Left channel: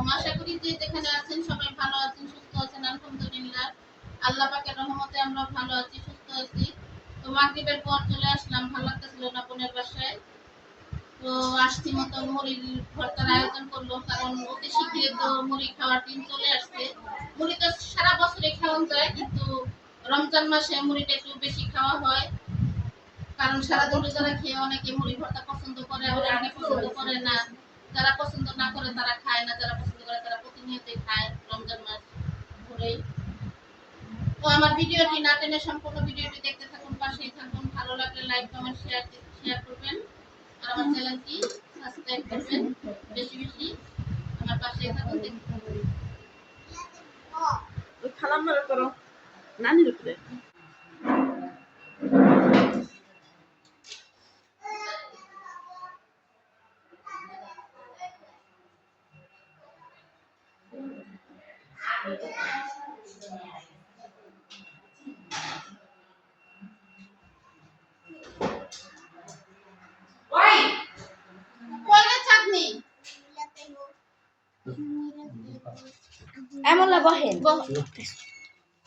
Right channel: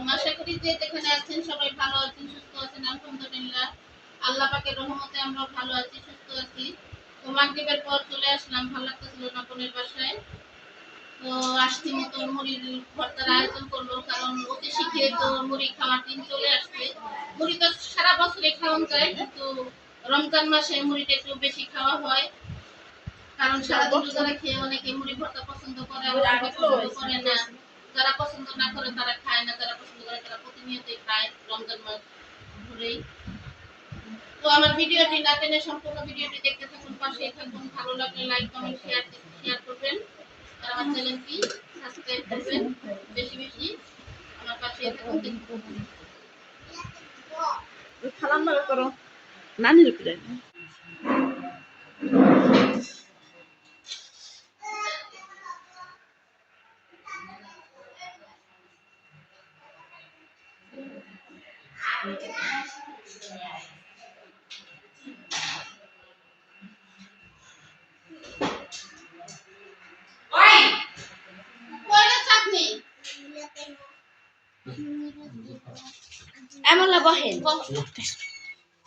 আলাইকুম। আশা করি যে যেখানে আছেন সবাই ভালো আছেন, সুস্থ আছেন। আলহামদুলিল্লাহ, আল্লাহ পাকের রহমতে আমরা ভালো আছি, সুস্থ আছি। তো মাগরিবের পর চলে আসলাম, ভালো লাগতেছিল না বোনের বাসায়। তো আসতি মতন মুড়ির ভর্তার আয়োজন করলো, কারণ অতি শীঘ্রই তো মুড়ি খাওয়ার দিন চলে আসছে। মুড়ি তো সারা বছরে খাওয়া যায়, কিন্তু রমজান মাসে মুড়িটা একটু বেশি খাওয়া হয়, কারণ সারাদিন রোজা খেয়ে অনেকে মুড়ি ভর্তা পছন্দ করে, আবার অনেকে পছন্দ করে না। যারা পছন্দ না করে তারা খায় না, যারা পছন্দ করে তারা প্রতিনিয়তই খায় রমজান মাস ধরেই। তো আমার ভিডিওটি না টেনে সম্পূর্ণ ভিডিওটি দেখতে থাকুন, পাশেই থাকুন। ভালো লাগলে লাইক কমেন্ট শেয়ার করবেন, আর আমার চ্যানেলটি সাবস্ক্রাইব করবেন বেশি বেশি। আমার পাশেই থাকুন, দেখতে থাকুন। খালাম না করো নানির উপরে এমন না বহেন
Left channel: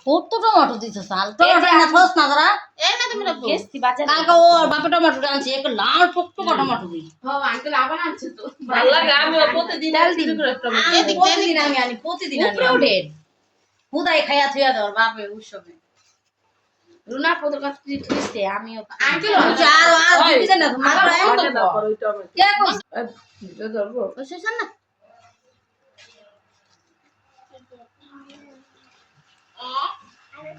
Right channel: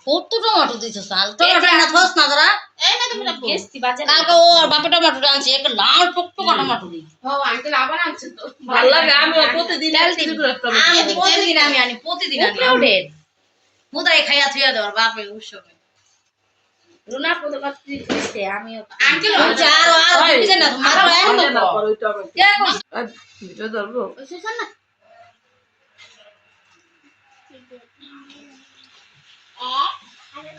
কত টমেটো দিছো সাল টমেটো না থস না ধরা এই না তুমি রাখো কেসতি বাজে না কাকা ওর বাপে টমেটো আনছে এক লাল টকটকা টমেটো দি ও আঙ্কেল আবার আনছে তো ভালো লাগে। আমি প্রতিদিন একদিন করে আমি প্রতিদিন আনি প্রতিদিন আনি উঠে হুদাই খাইয়া থিয়া দর বাপে উৎসবে রুনা কত কত দিছে আমি আঙ্কেল চার আর দিছে না তোমার একদম কে কইছ ভিডিও ধরবো ওই শেষন না।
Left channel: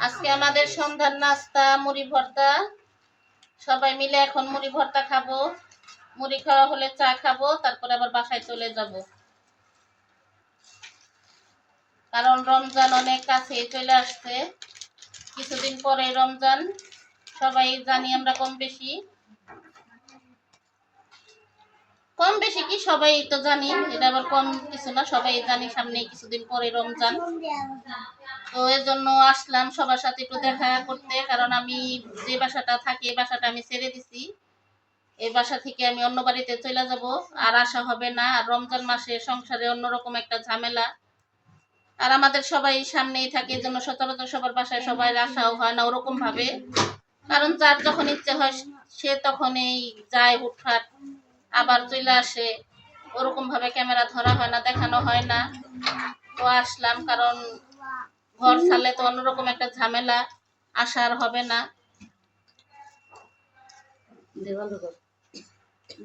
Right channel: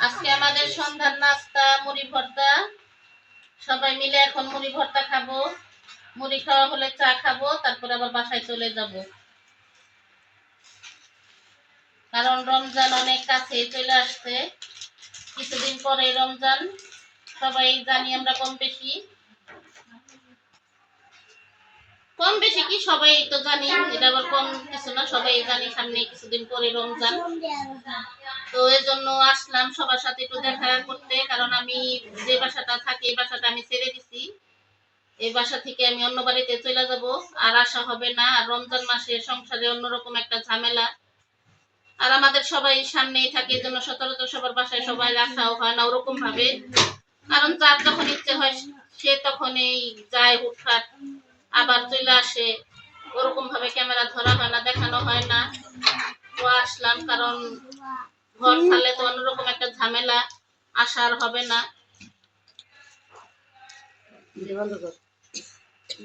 আজকে আমাদের সন্ধ্যার নাস্তা মুড়ি ভর্তা। সবাই মিলে এখন মুড়ি ভর্তা খাবো। মুড়ি খাওয়া হলে চা খাবো, তারপরে আবার বাসায় চলে যাব, কারণ রমজান অনেক কাছে চলে আসছে। কিছুদিন পরে রমজান, সবাই জানি আমরা কম বেশি কি সবাই তো জানি, এটা আবার কম কিছু না, সবাই জানি সামনে কিছুদিন পরে রমজান। তো এর জন্য আসলাম সবার সাথে একটু দেখা করতে, কারণ আমি যে বাসাটা থাকি এই বাসাটা আমি ছেড়ে দিছি। এই বাসা থেকে আমি অন্য বাড়িতে চলে যাব, আর আসা হবে না। আর রমজান মাসে সংসারে অন্যরকম একটা ঝামেলা, আর আমাদের সবাই সামনেই থাকে, এই জন্য সচরাচর সবার বাসায় সবাই আসাও হয় না ওরকম ভাবে, কারণ যার যখন ইচ্ছে হয় সে তখনই যায় হুটহাট, আবার চলে আসে। ওরকম ভাবে ক্যামেরা ধরা হয় না, দেখানো হয় না। তো আসলাম, কারণ ঘর ছাড়লে তো অন্যরকম একটা ঝামেলা, আসার হবে না।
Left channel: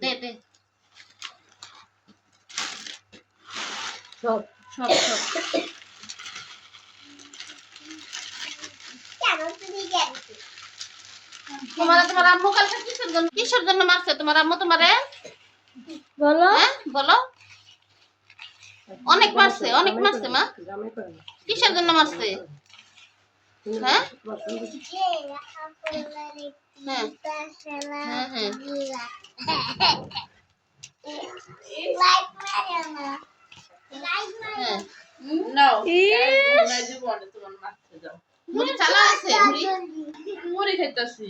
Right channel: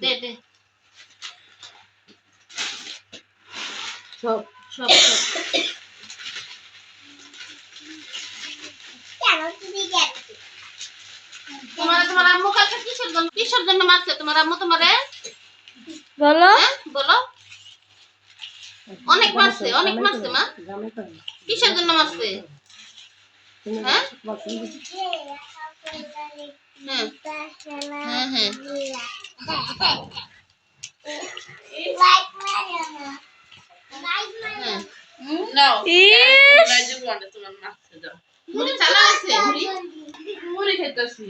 দে দে সব সব সব তোমার আম্মু কালকে কিসের জন্য মারছে তোমার আম্মু তোমারে? বলো বলো। অনেক মারছে মা। কিসের জন্য মারছে? হ্যাঁ হ্যাঁ হ্যাঁ নাও ইস জীবনে তোমার মাছতে দাও মুড়ি চালাইছে মুড়ি খাইতাছি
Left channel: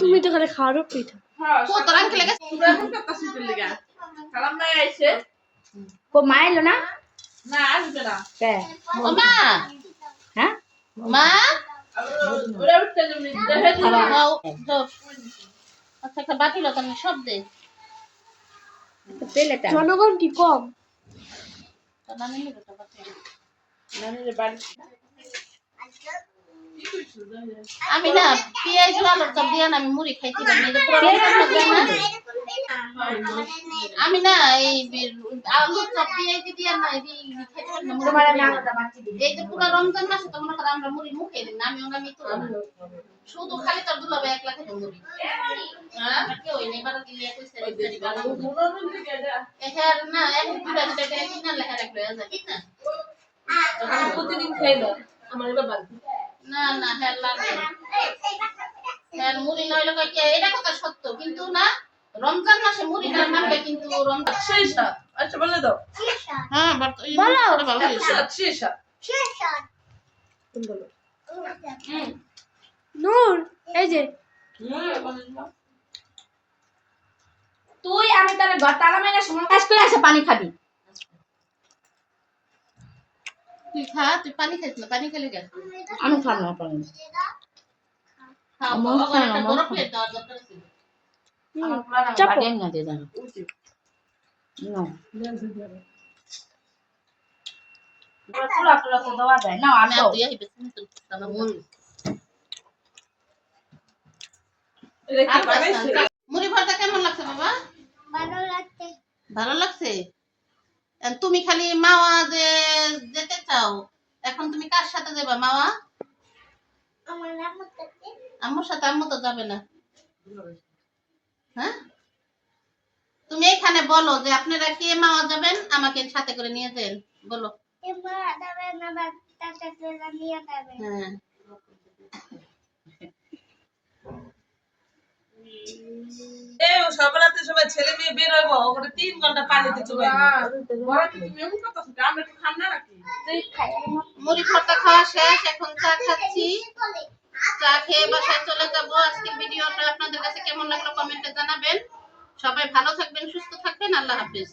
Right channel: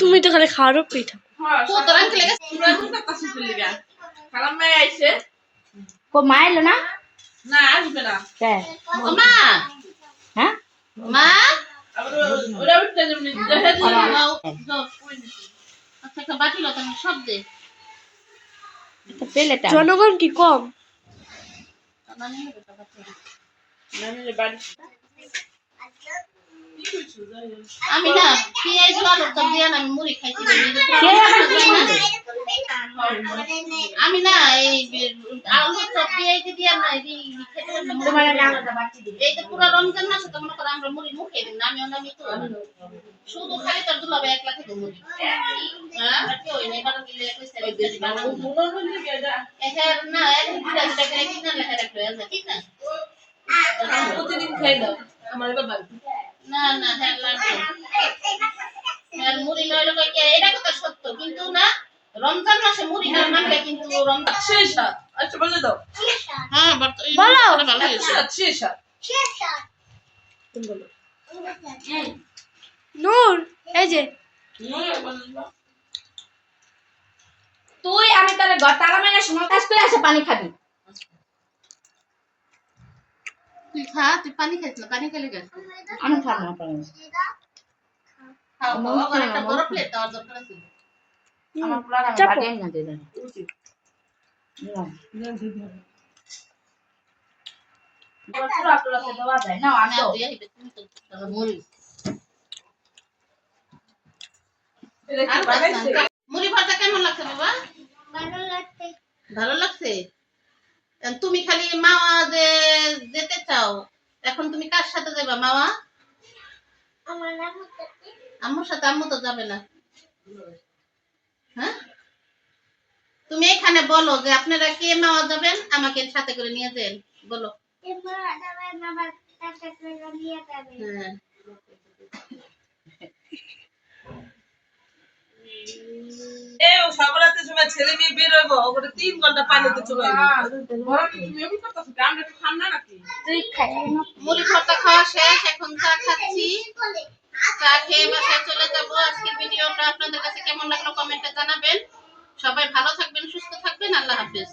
তুমি তো খালি খাওয়ারও পিঠা হ্যাঁ তো তোর আঙ্কেল লাগে পুরো এখন করতাছি তো লিগা খালাম ভাই আইছে কো মাইলো না না আসবে না কে ও মা হ্যাঁ মা আবার ওরা উঠতে যেমনি দেখে আচ্ছা একটা বাটি লো তুমি সব দে পেলেটা জনগণ কি কম? বানিয়ে নেবো বাটি। নানির বাড়ি আমি না পেঁয়াজ আলুর চপ দিয়ে আমি মুড়ি খাইছি, আমি না এই আলুর চপ পেঁয়াজ দিয়ে না এই খেতে পারি না। এই যে পুরো রমজান মাসে তো মনে করো আমরা মুড়ি মুখে দিই না, আমি অনেক তো শুধু খালি তোর দুলাবে একলা খেতে মুড়ি। হ্যাঁ কেউ নেই বারো দিলে কইছে রেডি বানাবো এখানে না এক দুটা দুটা করে কিনা লেখা রাখলে আছে ঠিক না? প্রতিদিন খাই না আমার এবার বাড়ি না না হ্যাঁ লাগে হ্যাঁ মুড়ি নইলে কই কি এটা কথা সত্য, কিন্তু না রমজান মাসে মুড়ি না মানলে কিন্তু রমজান শেষ আচ্ছা বলে দাও হ্যাঁ বলো। ভালো হয়েছে। শেষ নূর এই যে তুই আমি তাহলে ঘর তালা মেরে সময় কাজ করে আসে পানি খাবি তুই খা, তুই পানি খাইস না, পানি খেলে গেল। আমি খাবো না পানি। খাও, আমার খাও, আবার খাও না, একটা আমার বড় খাও। প্লেট দেওয়ার দরকার আছে। আমার প্লাগ আমি চাপো। বাড়িয়ে না দিয়ে দেন। চুলা টুলাতে দেওয়া যায় না আমি আমি আর তুই আইবে কিন্তু তাহলে মুড়ি। এটা কি আর বানাইছে? মুড়ি ভাজা কেমন লাগছে বাবা? ভালো লাগছে। তুমি খালি মাওয়া যে যেতে চাও, এখন তুমি কার সাথে যাবা মাওয়া? আম্মুর সাথে। আম্মু তো যাবে না। হ্যাঁ, তুমি এখানে বলো যে আপনারা কে মাওয়া যাবেন, আমাকে সাথে করে নিয়ে যান, বলো। হ্যাঁ, ও সকালেতে সময় ছেলে মেয়ে বের হইব ওখানে 3 ঘন্টা পানিতে চুবাইবো। বড় কি তুমি এমন করতেছ কি? আমরা একটু খান না নাকি? তুই খাই না। মুড়ি ভর্তা খাওয়া শেষ, এখন চা খাচ্ছি। চা খেয়ে বাসায় চলে যাব। আজকের ভিডিওটা আপনাদের কাছে কেমন লাগলো কমেন্টে জানাবেন। সবাই ভালো থাকবেন, সুস্থ থাকবেন। আল্লাহ হাফেজ।